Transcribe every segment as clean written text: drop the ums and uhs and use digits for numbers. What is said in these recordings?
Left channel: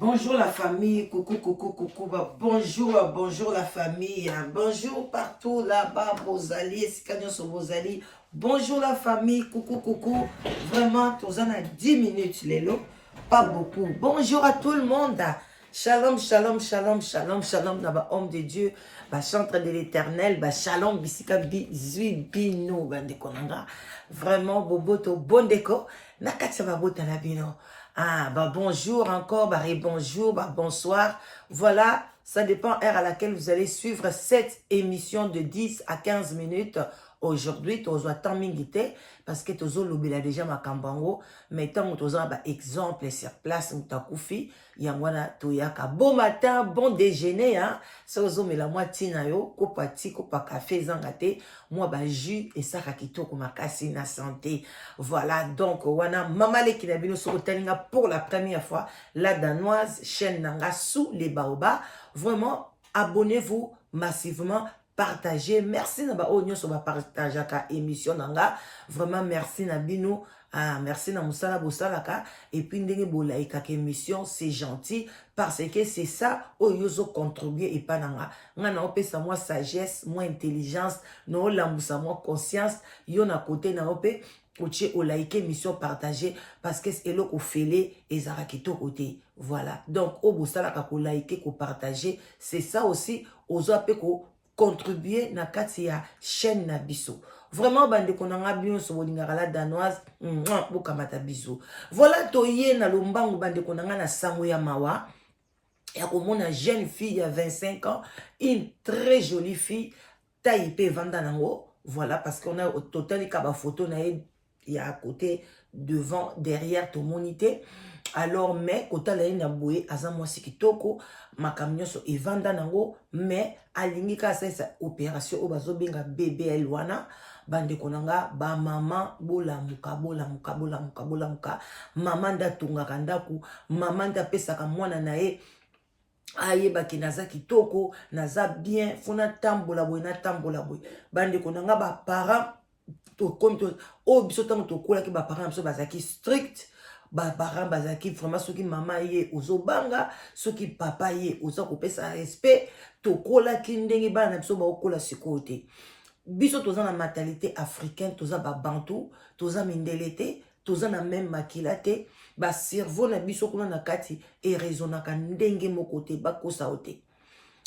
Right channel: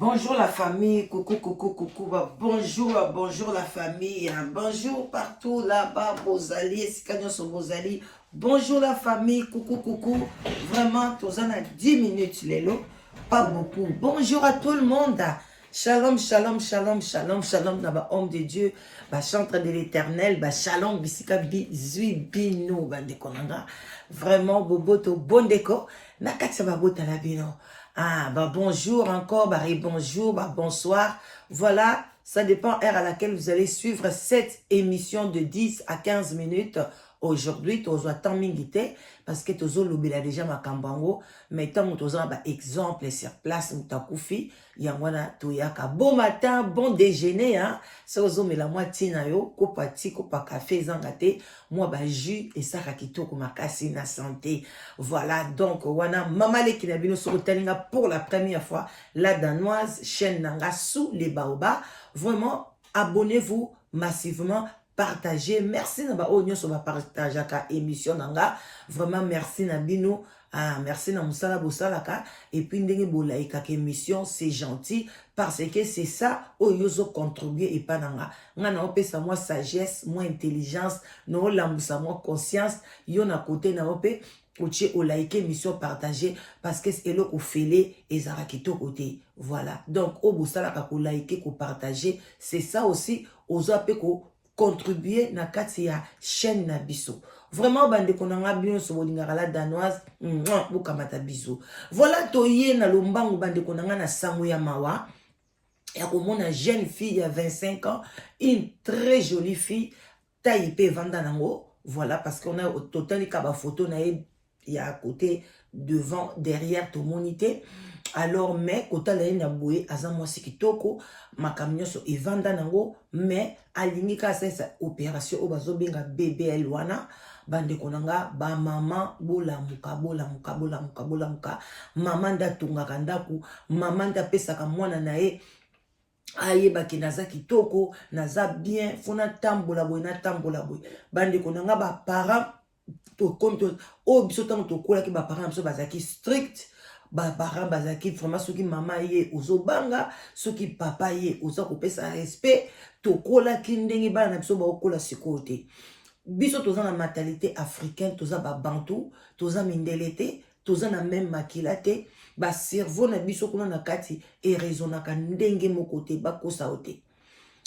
Bonjour la famille, coucou, coucou, coucou, bonjour, bonjour la famille, bonjour partout là-bas, Bozali, Escanio sur Bozali, bonjour la famille, coucou, coucou, vraiment, tous en a 10 minutes, Lélo, pas beaucoup. Bonjour à tout le monde, shalom, shalom, shalom, shalom, shalom, d'abord, homme de Dieu, chantre de l'éternel, shalom, bisika, bizui, bino, bandekonanga, vraiment, boboto, bon déco, nakatsa babota la bino. Ah, bonjour encore, bonjour, bonsoir. Voilà, ça dépend heure à laquelle vous allez suivre cette émission de 10 à 15 minutes. Aujourd'hui, tu as temps mingité parce que tu as l'obéla déjà ma kambango, mais tant que tu as exemple sur place, tu as koufi, yangwana toyaka. Bon matin, bon déjeuner, hein. Ça vous mais la moitié na yo, kopa ti, kopa café, zangate, moi jus et ça rakito kuma kasi na santé. Voilà, donc, wana mamale kinabino sur Talinga pour la première fois, la danoise, chaîne nanga sous les baobas. Vraiment, abonnez-vous massivement, partagez. Merci naba onyo sur ma partage ka émission nanga. Vraiment, merci nabino. Ah, merci na musala bosalaka. Et puis, ndenge bolaika ka émission, c'est gentil. Parce que c'est ça, oyozo contribuer et pas nanga. Ngana ope sa moi sagesse, moi intelligence, no lambusa moi conscience. Yon à côté na ope. Oche o like émission partagée parce que c'est là au fêlé et zara qui côté. Voilà. Donc au bosala ka ko like ko partager, c'est ça aussi aux ape ko contribuer na kati ya chaîne na biso. Vraiment bande konanga bien so bolingaka la danoise, bokamata biso. Voilà toye na lombango bande konanga na sango ya mawa. Et à une jeune fille à 25 ans, une très jolie fille, taïpé vandanango. Voilà, parce qu'on a au total des photo il y a à côté, devant, derrière tout monité. Alors, mais, quand elle est naboué, azan moi si kitoko, ma camion so et vandanango, mais à l'imika ça opération au bazo benga bébé elwana. Bande konanga ba maman bola muka maman da tunga kandaku maman da pesa ka mwana nae aye baki naza kitoko naza bien fona tambola boy na tambola boy bande konanga ba parents to comme to o biso tango to kola ki ba parents biso bazaki strict ba parents bazaki vraiment soki mama ye ozobanga soki papa ye oza kopesa respect to kola ki ndenge bana biso ba okola sikote biso toza na mentalité africaine toza ba bantu toza mindelete toza na même makilate ba cerveau na biso kuna na kati e raisonnaka ndenge moko te bakosa ote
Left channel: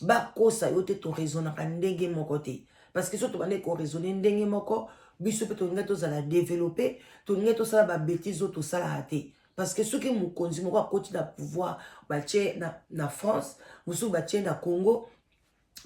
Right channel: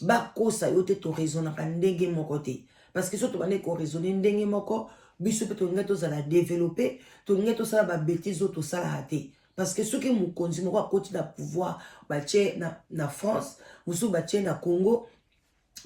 bakosa yote to raisonnaka ndenge moko te parce que soto bande ko raisonner ndenge moko biso pe to ngato za la développer to ngato sala ba bêtises to sala te parce que ceux qui mukonzi moko akoti na pouvoir ba tche na France musu ba tche na Congo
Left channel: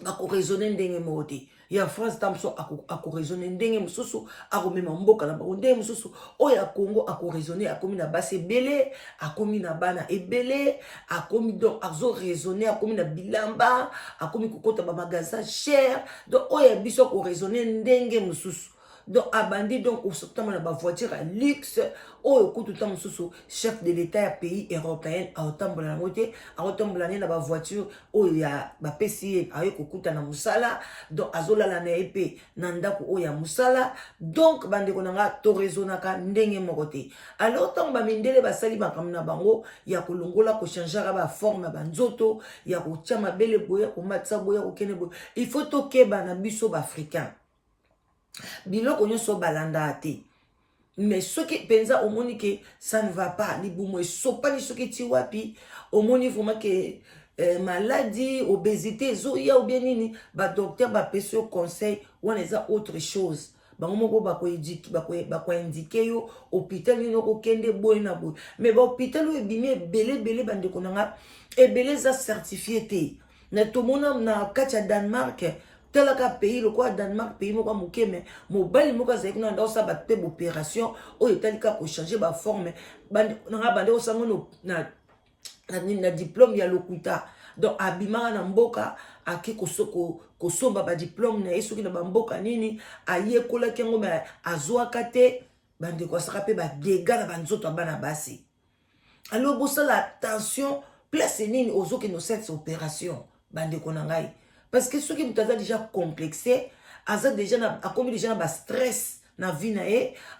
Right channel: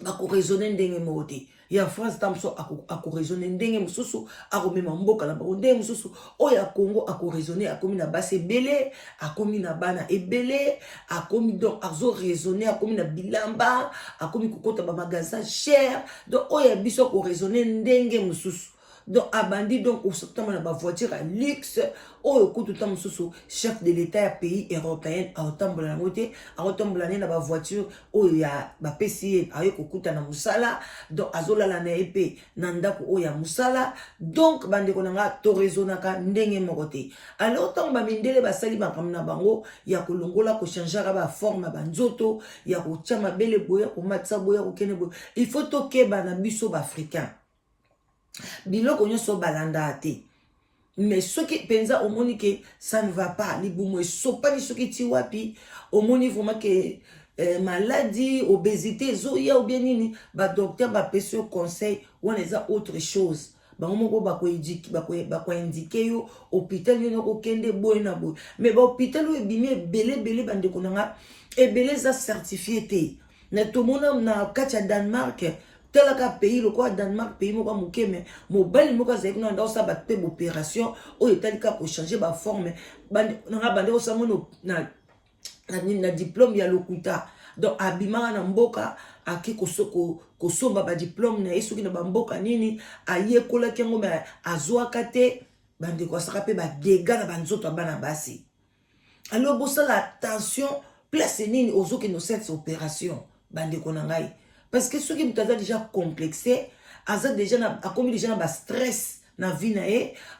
ba ko raisonner ndenge moko te ya France tamso ako raisonner ndenge mususu ako mema mboka na bango ndenge mususu o ya Congo ako raisonner akomi na base belé akomi na bana ebele akomi donc azo raisonner akomi na bilamba akomi kokota ba magasin cher donc o ya biso ko raisonner ndenge mususu donc abandi donc au septembre na ba voiture à luxe oekutu tam mususu chef de l'état ya pays européen a otambola ngote a otambola na ba voiture o ya ba PCA ayo kokuta na musala donc azolala na epé na ndako o ya musala donc bande konanga to raisonnaka ndenge moko te alors tant ba mindele basali makambo na bango ya kolongola ko changer ba forme ba nzoto ya ko chama bele boya ko matsa boya ko kene boya il faut tokeba na biso ba africain biloko nyonso balanda te mais soki penza omoni que ça ne va pas ni bumo sopani soki ti wapi omoni vraiment que maladie obésité zoya ou bien nini ba docteur ba pese conseil on les a autre chose bango moko ba ko indiquer yo hôpital ni no kende boy na boy mais ba hôpital o bimé belé bande konanga et belé za certifié te na to mona na kacha Danemark tel ka pays le quoi Danemark pays moko muke mais mobali moko za kuna ndo sa ba te opération o etalika ko changer ba forme na bande o sango na diplôme ya lokuta donc abimaka na mboka aki kosomba ba diplôme na esoki na ba mboka nini ayekola kengo mais azwaka te bande ko saka pe ba dégâts na banzoto bana basi alors bosala attention place nini ozoki no cette opération bande ko na ngai parce que ceux qui m'ont déjà complexé, a commis déjà na stress na vie na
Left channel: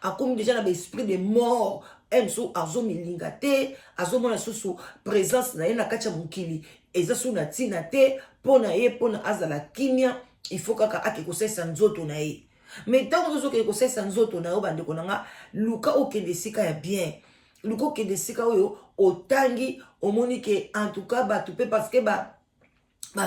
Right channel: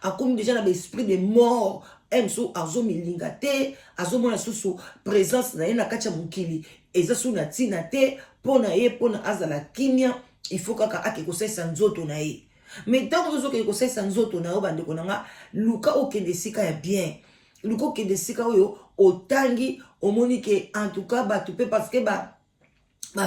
a commis déjà na esprit de mort mosusu azomilinga te azomona susu présence na ye na kati ya mokili eza su na ntina te mpo na ye mpo na azala kimia il faut kaka ake kosalisa nzoto na ye mais ntango ozokende kosalisa nzoto na yo bandeko na nga luka okende esika ya bien luka okende esika oyo otangi omoni ke en tout cas bato mpe parce que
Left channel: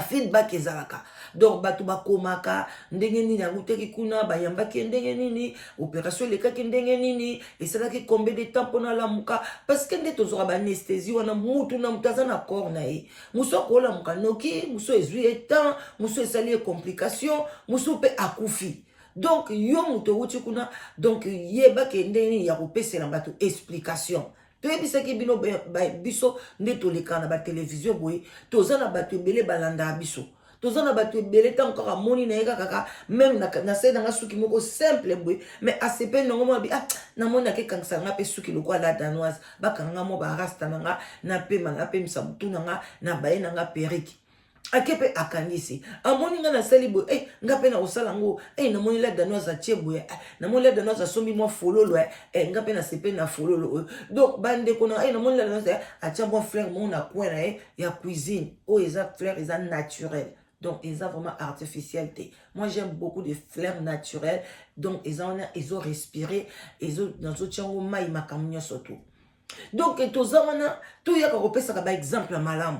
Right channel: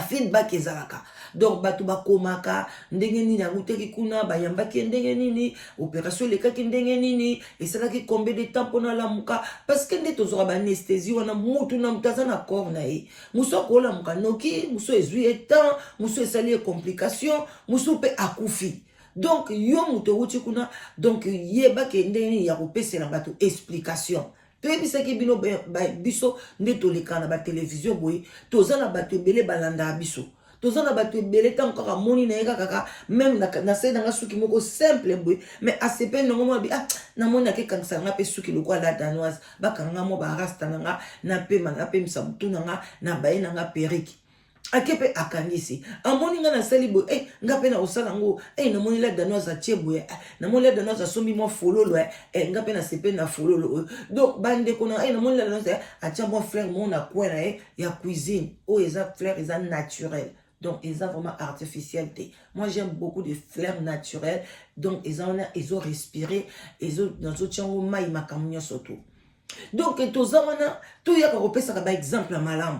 feedback ezalaka donc bato bakomaka ndenge nini yango teki kuna bayambaki ndenge nini opération elekaki ndenge nini esalaki combien de temps mpona lamuka parce que nde tozwaka baanesthésie wana mutu na mutu aza na corps na ye mosu akolamuka noki mosu ezwi ye temps mosu esali ye complication mosu mpe akufi donc yo moto owuti kuna donc yebake ndenge nini ya kopesela bato explication toyebisaki bino biso nde toleka na batelevizio boye toza na bato ebele balandaka biso toza na bato ebele ntango kaka moni na ye kaka meme na se nanga suki moko simple boye mais asepe nango mona bi namoni nakekangisa nanga mpe suki lokola la danoise bakanga mwa barasta nanga napemisa butu nanga na baye nanga perike ake mpe akangisi amoni nga nasali boye nga mpe na kosala yango namoni la danoise atie boye namoni la danoise asombi mwa fololo nga mpe nasepe na fololo oyo donc bandeko na namoni la danoise atia mwa fleur mo na coin na ye ya cuisine oyo eza fleur eza naturelle donc eza vraiment artificiel te moi j'aime beaucoup de fleurs naturelles donc ils ont respiré nazotia yango mai makambo nyonso to donc toza wana toyaka kopesaka baexemple ya malamu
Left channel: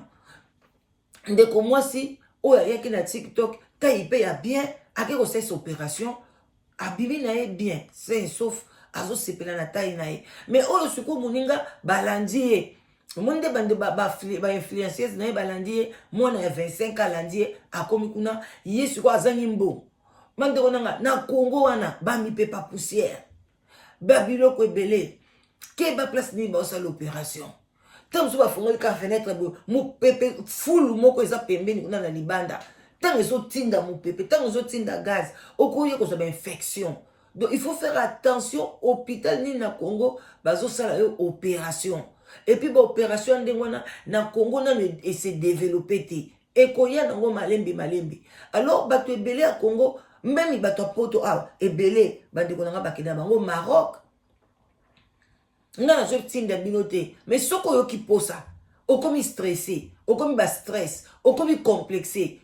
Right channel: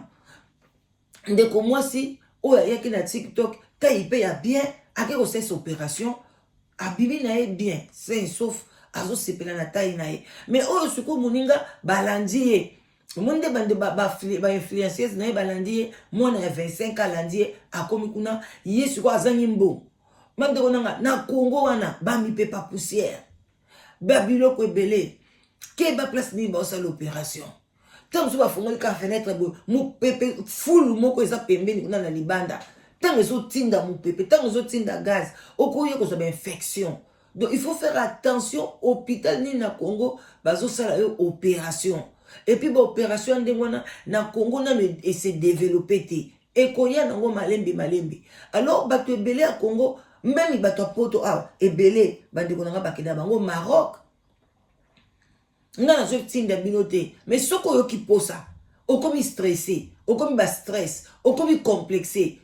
ndeko mwasi oyo ayaki na TikTok taille pe ya bien ake kosalisa opération abimi na ye bien sain sauf azosepela na taille na ye mais oyo sikoyo moninga balandi ye omoni nde bande bainfluenceuse na ye balandi ye mwana ya 25 alandi ye akomi kuna ye sikoyo azangi mbongo bandeko nanga na Congo wana bamipepa poussière babiloko ebele ke baplace nini baosala opération tant que bafongoli ka fenêtre boye mopepe fulu moko eza pembeni kuna na libanda ntango ezotinda mopepe ntango ezotinda gaz okoya kozwa bainfection donc il faut faire attention hôpital nini na Congo bazosala yo opération et puis baopération ndenge wana na Congo nano ese développé te ekoya nango malembe alors bato ebele ya Congo même bato ya poto awa ebele bandeko nanga bakenda bango Maroc nga nazotinda bino te mais soko oyoki posa okomi stressé okomi bastress okomi complexé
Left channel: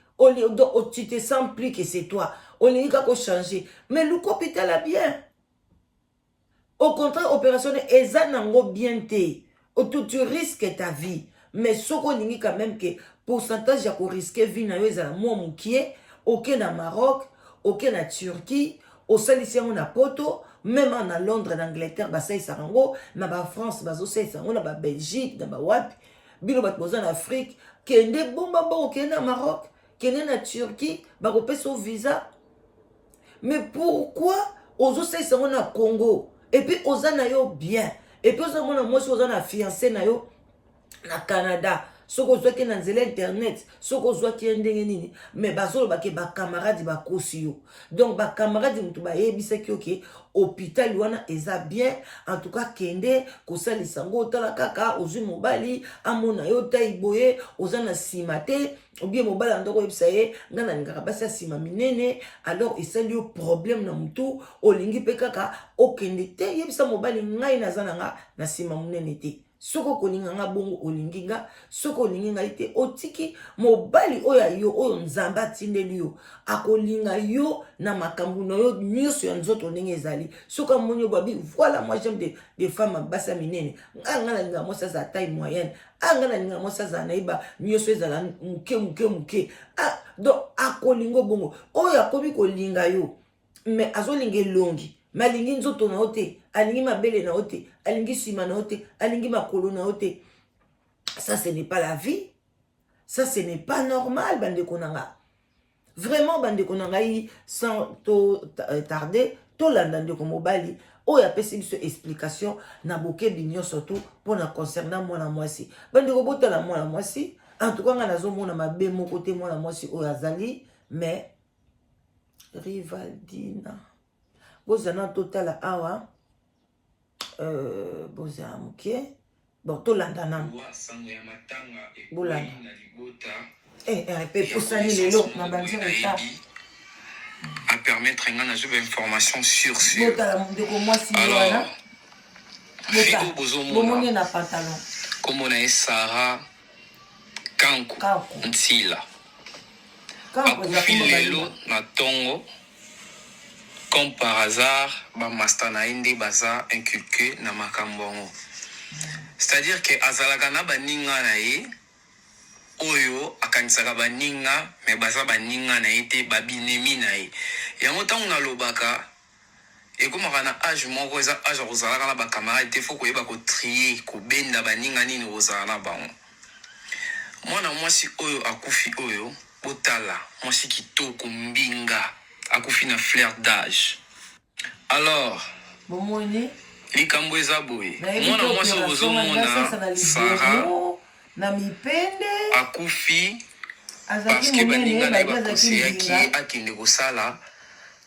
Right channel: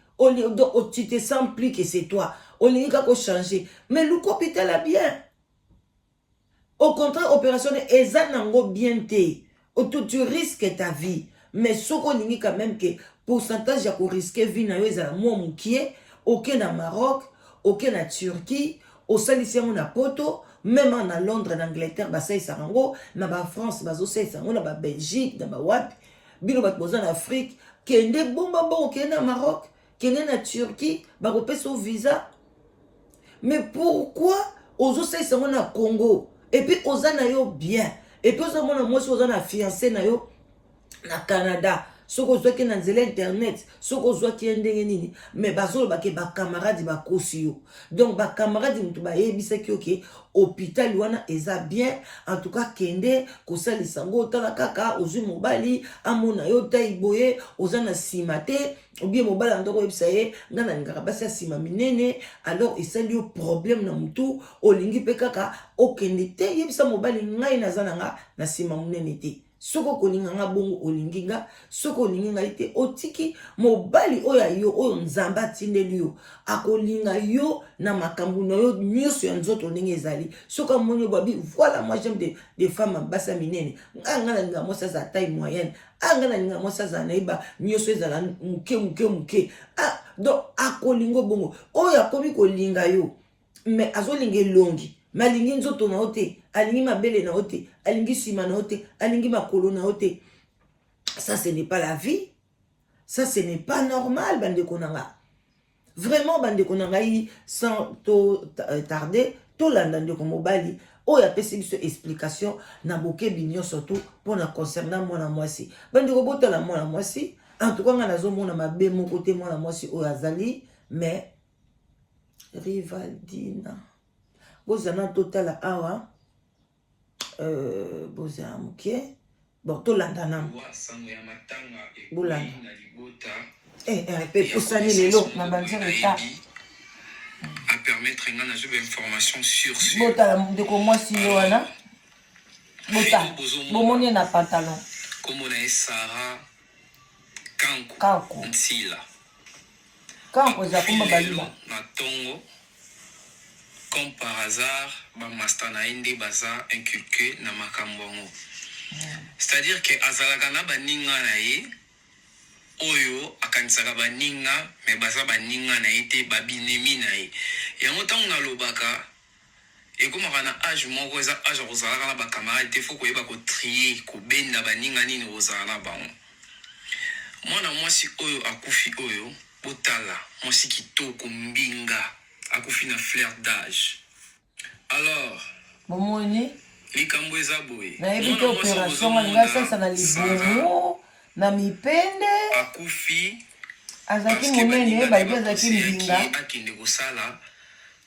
tu te sens plus que c'est toi olingi kaka changer mais luka hôpital a bien au contraire opération eza nango bien te tu risques ta vie mais soko olingi quand même que pourcentage ya korisque vie na yo ezala mwa mokie oke na Maroc oke na Turquie osalisi yango na poto même en Londres, en Angleterre, basalisa yango, na France, bazosalisa yango, na Belgique, na wapi, bino bato boza na Afrique, kende bomba bon, kende na Maroc, kende na Turquie, bakopesa visa. Mais pourquoi ozosalisa yango na Congo? Et puis oza na yo bien. Et puis oza mona mwasi oza na fiancé na yo na Canada. Soko ozwaki na nzela internet soko ozwaki ye ndenge nini mais bazolobake bakamaradi bakosi yo donc bakamaradi mutu bayebisaki oke hôpital wana eza bien en tout cas kende kosalisa ngo otala kaka ozwi mobali amona yo taille boye oza na nsima te obie mobali andoko oyebisa ye nga nalingaka basi ya nsima minene alors esali yo problème na mutu olingi mpe kaka okende te yebisa mobali ngai naza na nga na nsima monene te soko kolinga nga bongo olingi nga soko olingi nga ite otiki mobali oyo yo oyo nzamba atindeli yo akolinga yo na makambo na yo nyonso ya nzoto ndenge ezali soko amoni babi voilà moi j'aime des femmes basa minene nga nalinga mwasi azala taille moyenne nga nalinga mwasi azala nayiba nyonso ezala muke donc akolinga bongo oyo akomi kolinga yo mais azolinga elongi malingi nzoto na ote alingi mabele na ote alingi sima na ote alingi makolo na ote ça ce n'est pas la vie ça ce n'est pas normal bandeko nanga vraiment bandeko nanga sans tarder tolanda ndeko mobali oyo apesi biso explication na bokebi nyonso tu mpona concernant mwana mwasi bandeko botala mwana mwasi en tout cas nga nazomona mabe moko te mwana mwasi oyo azali mais Rivaldina bozana totala awa bozala moke bon tolanda nano bolanda pe posani lelo na banzela eta à permettre une information sur botala ndeko mwasi ye wana Bota. Bomoni na pantalon. Comme on a Sarah Kanku. Ntila. Kanku za kuma balilo na tongo. Comme par hasard, ba master na indi baza inculqué na makambongo. C'est-à-dire que azalaka na baninga na ye oyo akanisaka baninga me baza baninga na ye te babinemi na ye. Yango ntango nalobaka ekomaka na age moko eza age kozalaka na bakamarade te fo koyeba kotrier kobenda baninga nini kozala na bango. Mwana mwasi oyo akufi oyo botala mwasi kitoko mbinga akufi na fleur d'âge. Alors bomoni likambo eza boye mwana mwasi ozomona Sarah na mipende akufi azaki munene babi azaki mbinga akende kosala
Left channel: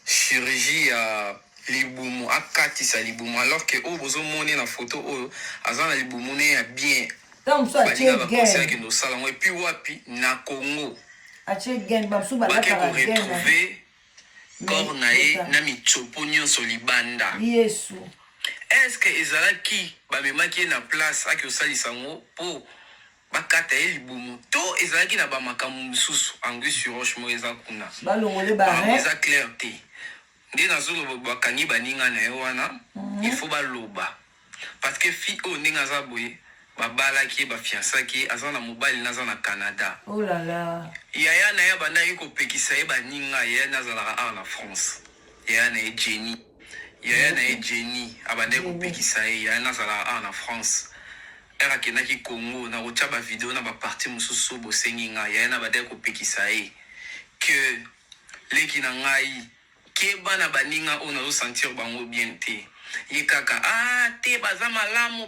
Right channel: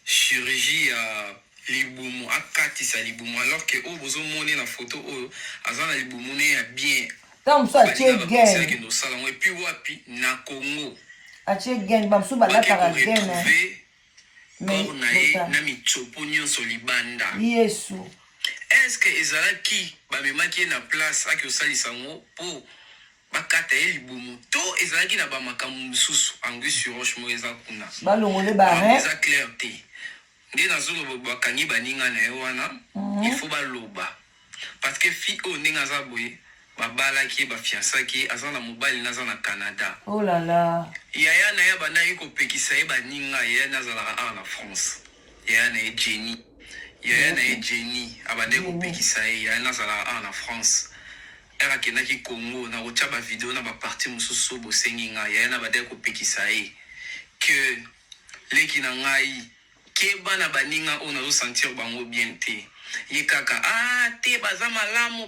chirurgie ya libumu akatisa libumu alors que oyo bozomoni na photo oyo aza na libumu ne ya bien tant ça tie gain akende kosala ngo epuis wapi na Congo atie gain bamsu balataka gain corps na ye na mitsopo nyonso libanda. Yesu est-ce que ezalaki bamemaki na place aki osalisa ngo po bakata ye libumu to ezalaki na bamakambo mosusu anglais sur roche mo eza kuna balongole bare eza clair te nde nazoloba bakangi baninga na ye wana il faut baloba parce que fi oyo ndenge aza boye babalaki ye bafiansaki ye aza na mobali naza na Canada. Oh là là. Yaya na ye bandaki kopekisa ye baninga yaya nazalaka awa na France yaya na ye Jenny yaya na ye Jenny abandaki kopekisa ye yaya nazalaka awa na France era akendaki Congo na kotia bavideo na baparti mosusu bosengi ngai yaya na bandaki kopekisa ye ke leki na ngai ke bana baninga oyo nazosentir bango bien te ye kaka te baza malamu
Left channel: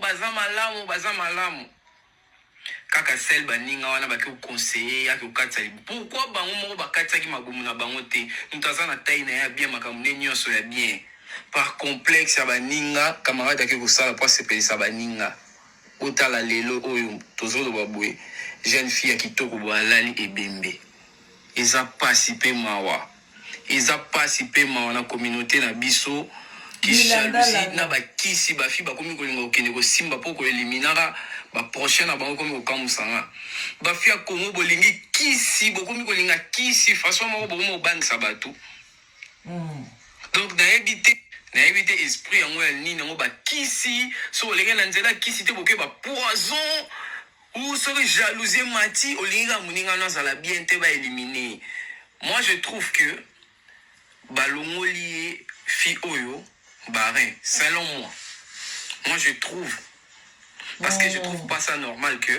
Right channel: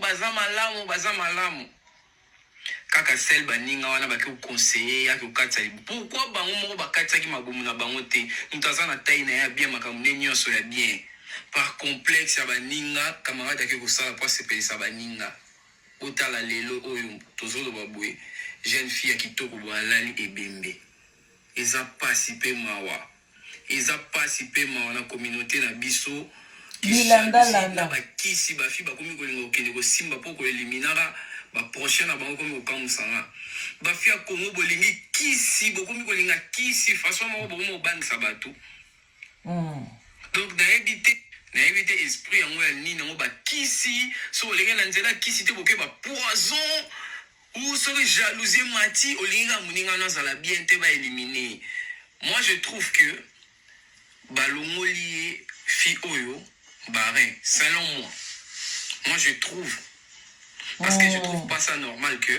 kaka sel baninga wana baki kokonseye yaki kokatisa libumu pourquoi bango moko bakatisaki mabomu na bango te moto aza na tai na ye ya bien makambo nde nyonso ya bien par complexe ya baninga camarade yaki kosala mpo asepelisa baninga otala lelo oyo tozoloba boye jeune fille ya kitoko boye alali ebembe eza pasi mpe mawa na communauté na biso na bakisi bafi bakomi kolinga kokende kosimba mpo koeliminaka baprochaine na bango komi kokamusanga bafi ya Congo bolingi kisi bokomi kolinga kisi façon moko bokomi kobandisa bato donc nayebi te esprit yango ya nini yango bakisi so olingi na nzela kisi te boke bapoison ou soki jalousie mati olingi ka moninga nazala bien te baelimine. Moi je trouve que balongoli ye fi oyo barin selon moi je trouve parce que je trouve pas ça normal que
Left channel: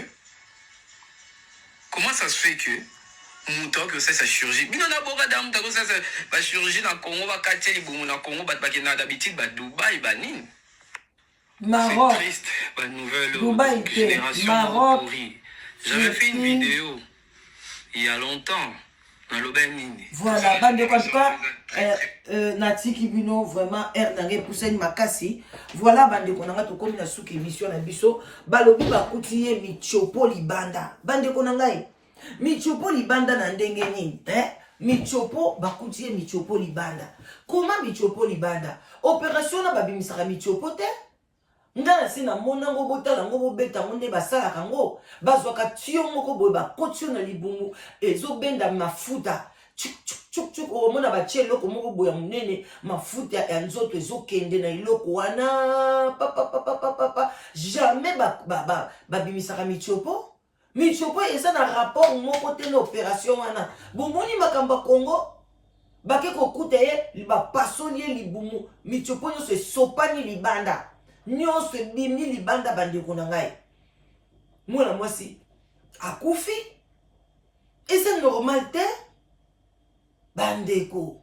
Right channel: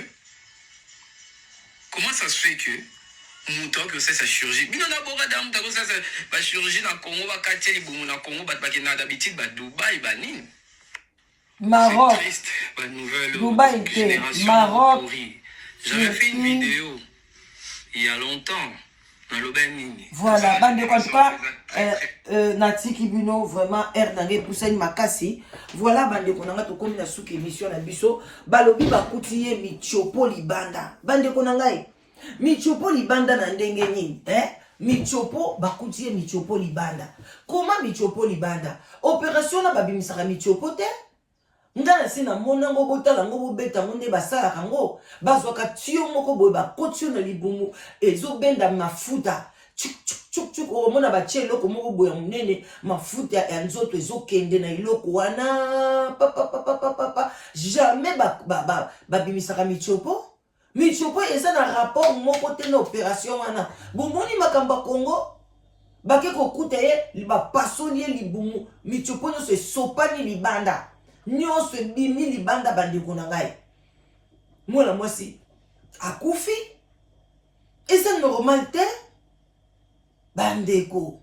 comment ça se fait que muto que ça chirurgie bino na boka damu tako ça ba chirurgie na Congo ba katia libumu na Congo ba bakena d'habitude ba Dubaï ba nini Maroc ba nouvelle Dubaï Maroc. J'avais fait une vidéo il y a longtemps. Voilà, bande en tout cas, Nati Kibino, vraiment, Erdangé, Poussane Makasi. Voilà, bande konanga, to komi na souk émission na biso. Balobi bakutiye michopo libanda. Bande konanga, michopo libanda na ndenge nini, michopo bakutiye michopo libanda. Comment michopo libanda? Opération na babimisaka michopo te? Ndana sina mona ngo botala ngo bobeta ngonde basala kango bazwaka tio moko boye bakotio na libumu ezobenda mafuta chuk omona batie eloko moko boye munene mafuta ya nzoto ezokende na iloko wana papa jamais babimisaka michopo eza na rapport moko te na opération wana bomoni makamba Congo bake kokuta ye bapasoli ye libumu michopo nyonso esopani libanda nyonso bimi libanda bandeko na ngai mwana mwasi akufi eza normal te bandeko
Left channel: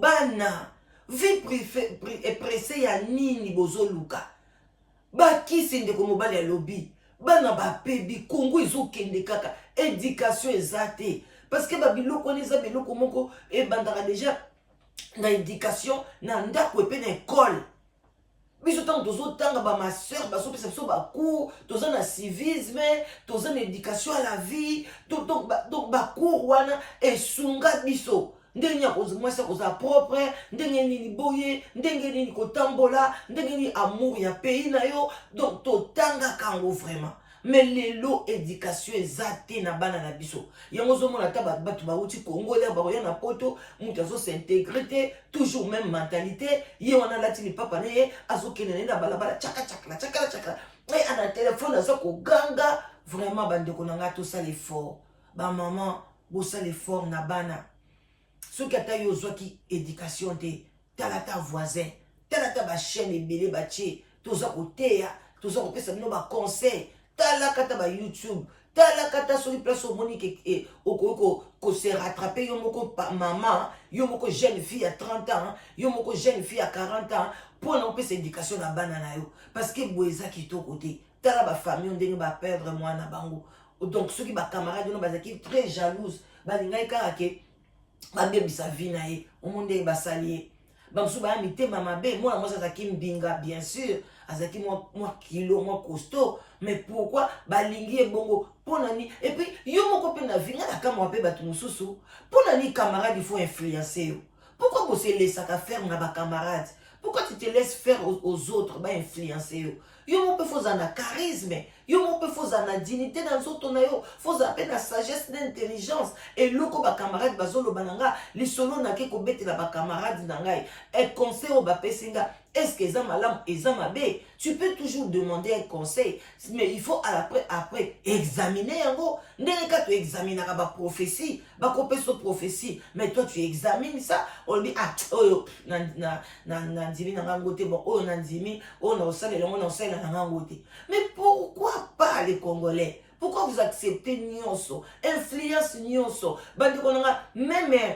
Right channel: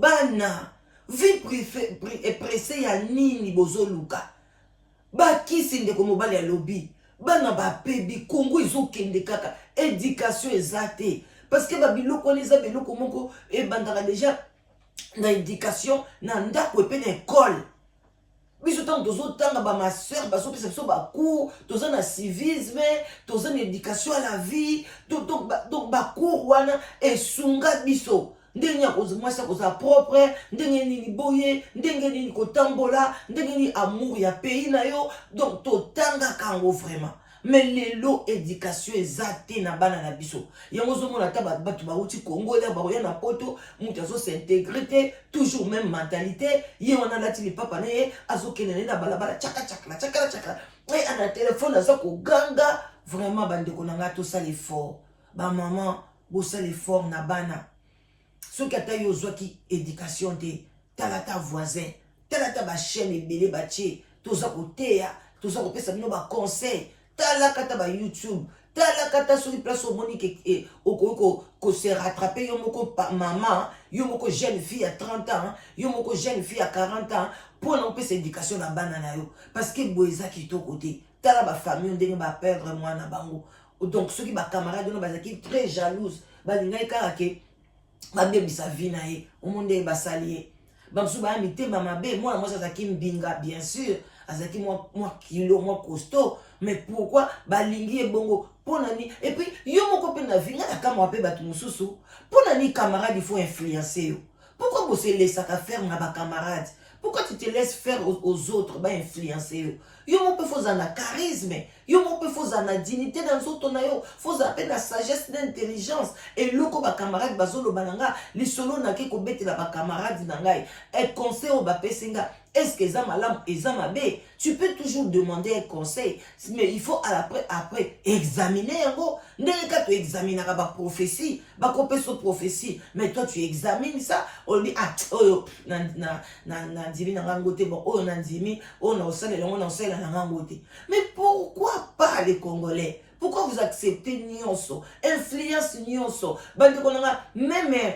bana vie pressée ya nini bozoluka bakisi ndeko mobali ya lobi bana bapebi Congo ezokende kaka éducation eza te parce que babiloko wana eza biloko moko ebandaka déjà na éducation na ndako epe na école biso tant tozo tanga ba ma sœur baso pesa biso ba cours toza na civisme toza na éducation à la vie donc ba cours wana esunga biso ndenge nini mwasi akozala propre, ndenge nini boye, ndenge nini kotambola, ndenge nini amour ya pays na yo. Donc totangaka yango vraiment. Mais lelo éducation ezate na bana na biso. Yango zomona ta batu bauti Congo ya baroya na poto, mutu azo s'intégrer, toujours même mentalité. Ye wana lati li papa ne azo kenene na balabala chaka chaka. Et à la téléphone azo ko ganga. Vraiment bande ko nanga to ça l'effort. Ba maman, bo ça l'effort na bana. Ce qui ata yo zwaki éducation te, talata voisin, talata ba chaîne ebele ba tie, toza ko teya, toza ko pesa bino ba conseil. Tala kata ba YouTube, tala kata sur les places au monique et au se rattraper, yomoko maman, yomoko jeune fille à 30 ans, yomoko jeune fille à 40 ans, pour n'empêcher cette éducation na banana yo. Parce que boeza qui to côté, tala ba famille, on dengue ba perdre moi na bango. Donc ceux qui ba camarades, on ba qui très jalouse, ba linga karake, ba bebi sa vie na ye, au monde ba salier. Bamsou ba amité mama be, moi ça qui mbinga bien sûr, azaki moi kilo, moi costaud. Mais pourquoi balingi bongo ponani et puis yo moko pe na vinga na kama pe batu mususu ponani camarade il faut influencer yo. Pourquoi vous se laissez faire na ba camarade? Pourquoi tu te laisses faire aux autres ba influencer yo? Yo mo pe foza na charisme, yo mo pe foza na dignité dans autres na yo, foza pe na sagesse d'intelligence et loko ba camarade bazolo bananga li solo na ke ko betela ba camarade na ngai et conseil o ba pesinga. Est-ce que ça malam et ça mabé? Tu peux toujours demander un conseil, mais il faut après examiner un gros. N'est-ce que tu examines la prophétie, ba so prophétie, mais toi tu examines ça. On dit ah oh nandimi na ngangote bon oh nandimi oh na osale longo na osale na ngangote. Mais pourquoi pas les Congolais? Pourquoi vous acceptez nyonso, influence nyonso? Bandi konanga même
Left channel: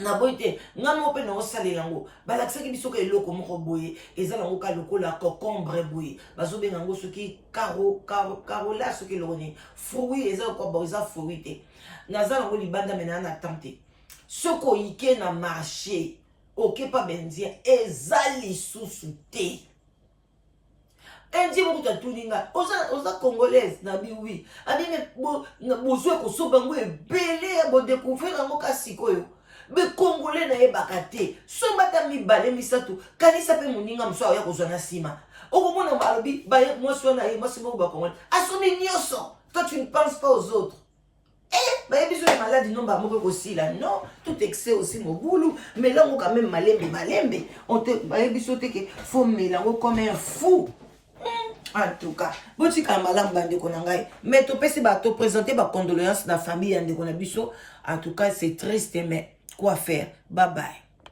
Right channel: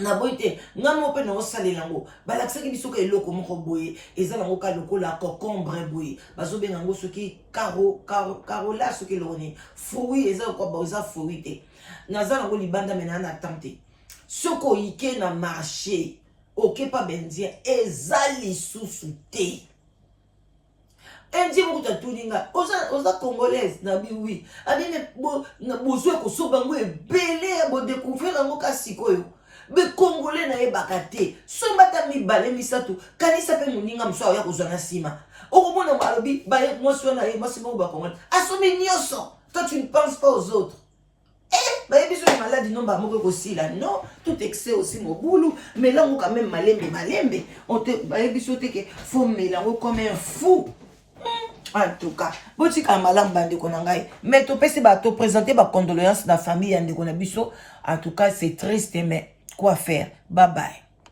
na boite ngamo pe na osale lango balakisaki biso ka eloko moko boye eza lango ka lokola concombre boye bazobenga ngo soki carola soki loni fruit eza ko boza fruit te naza lango libanda mena na tante soko ike na marché oke pa benzien eza lisusu te endi moko tatuninga oza congolaise na bi oui abi me bozwe ko soba ngo ebele ya bo découvrir ngo ka sikoyo. Be Congolais na ebakate sombata mibale misatu kanisa pe muninga mso ya kozana sima okomona malobi ba moi so na moi c'est bon ba Congolais asomi nyoso. Toi tu ne penses pas aux autres ba biso maladie non ba moko kosila non tout excès aussi mobulu mais là on quand même malembe on te ba biso te que faut mélanger comme un fou. En tout cas, botika malamba ndeko na ngai mais to pese ba to présenter ba condoléances na famille ndeko na biso. En tout cas c'est triste mais quoi faire? Bye bye.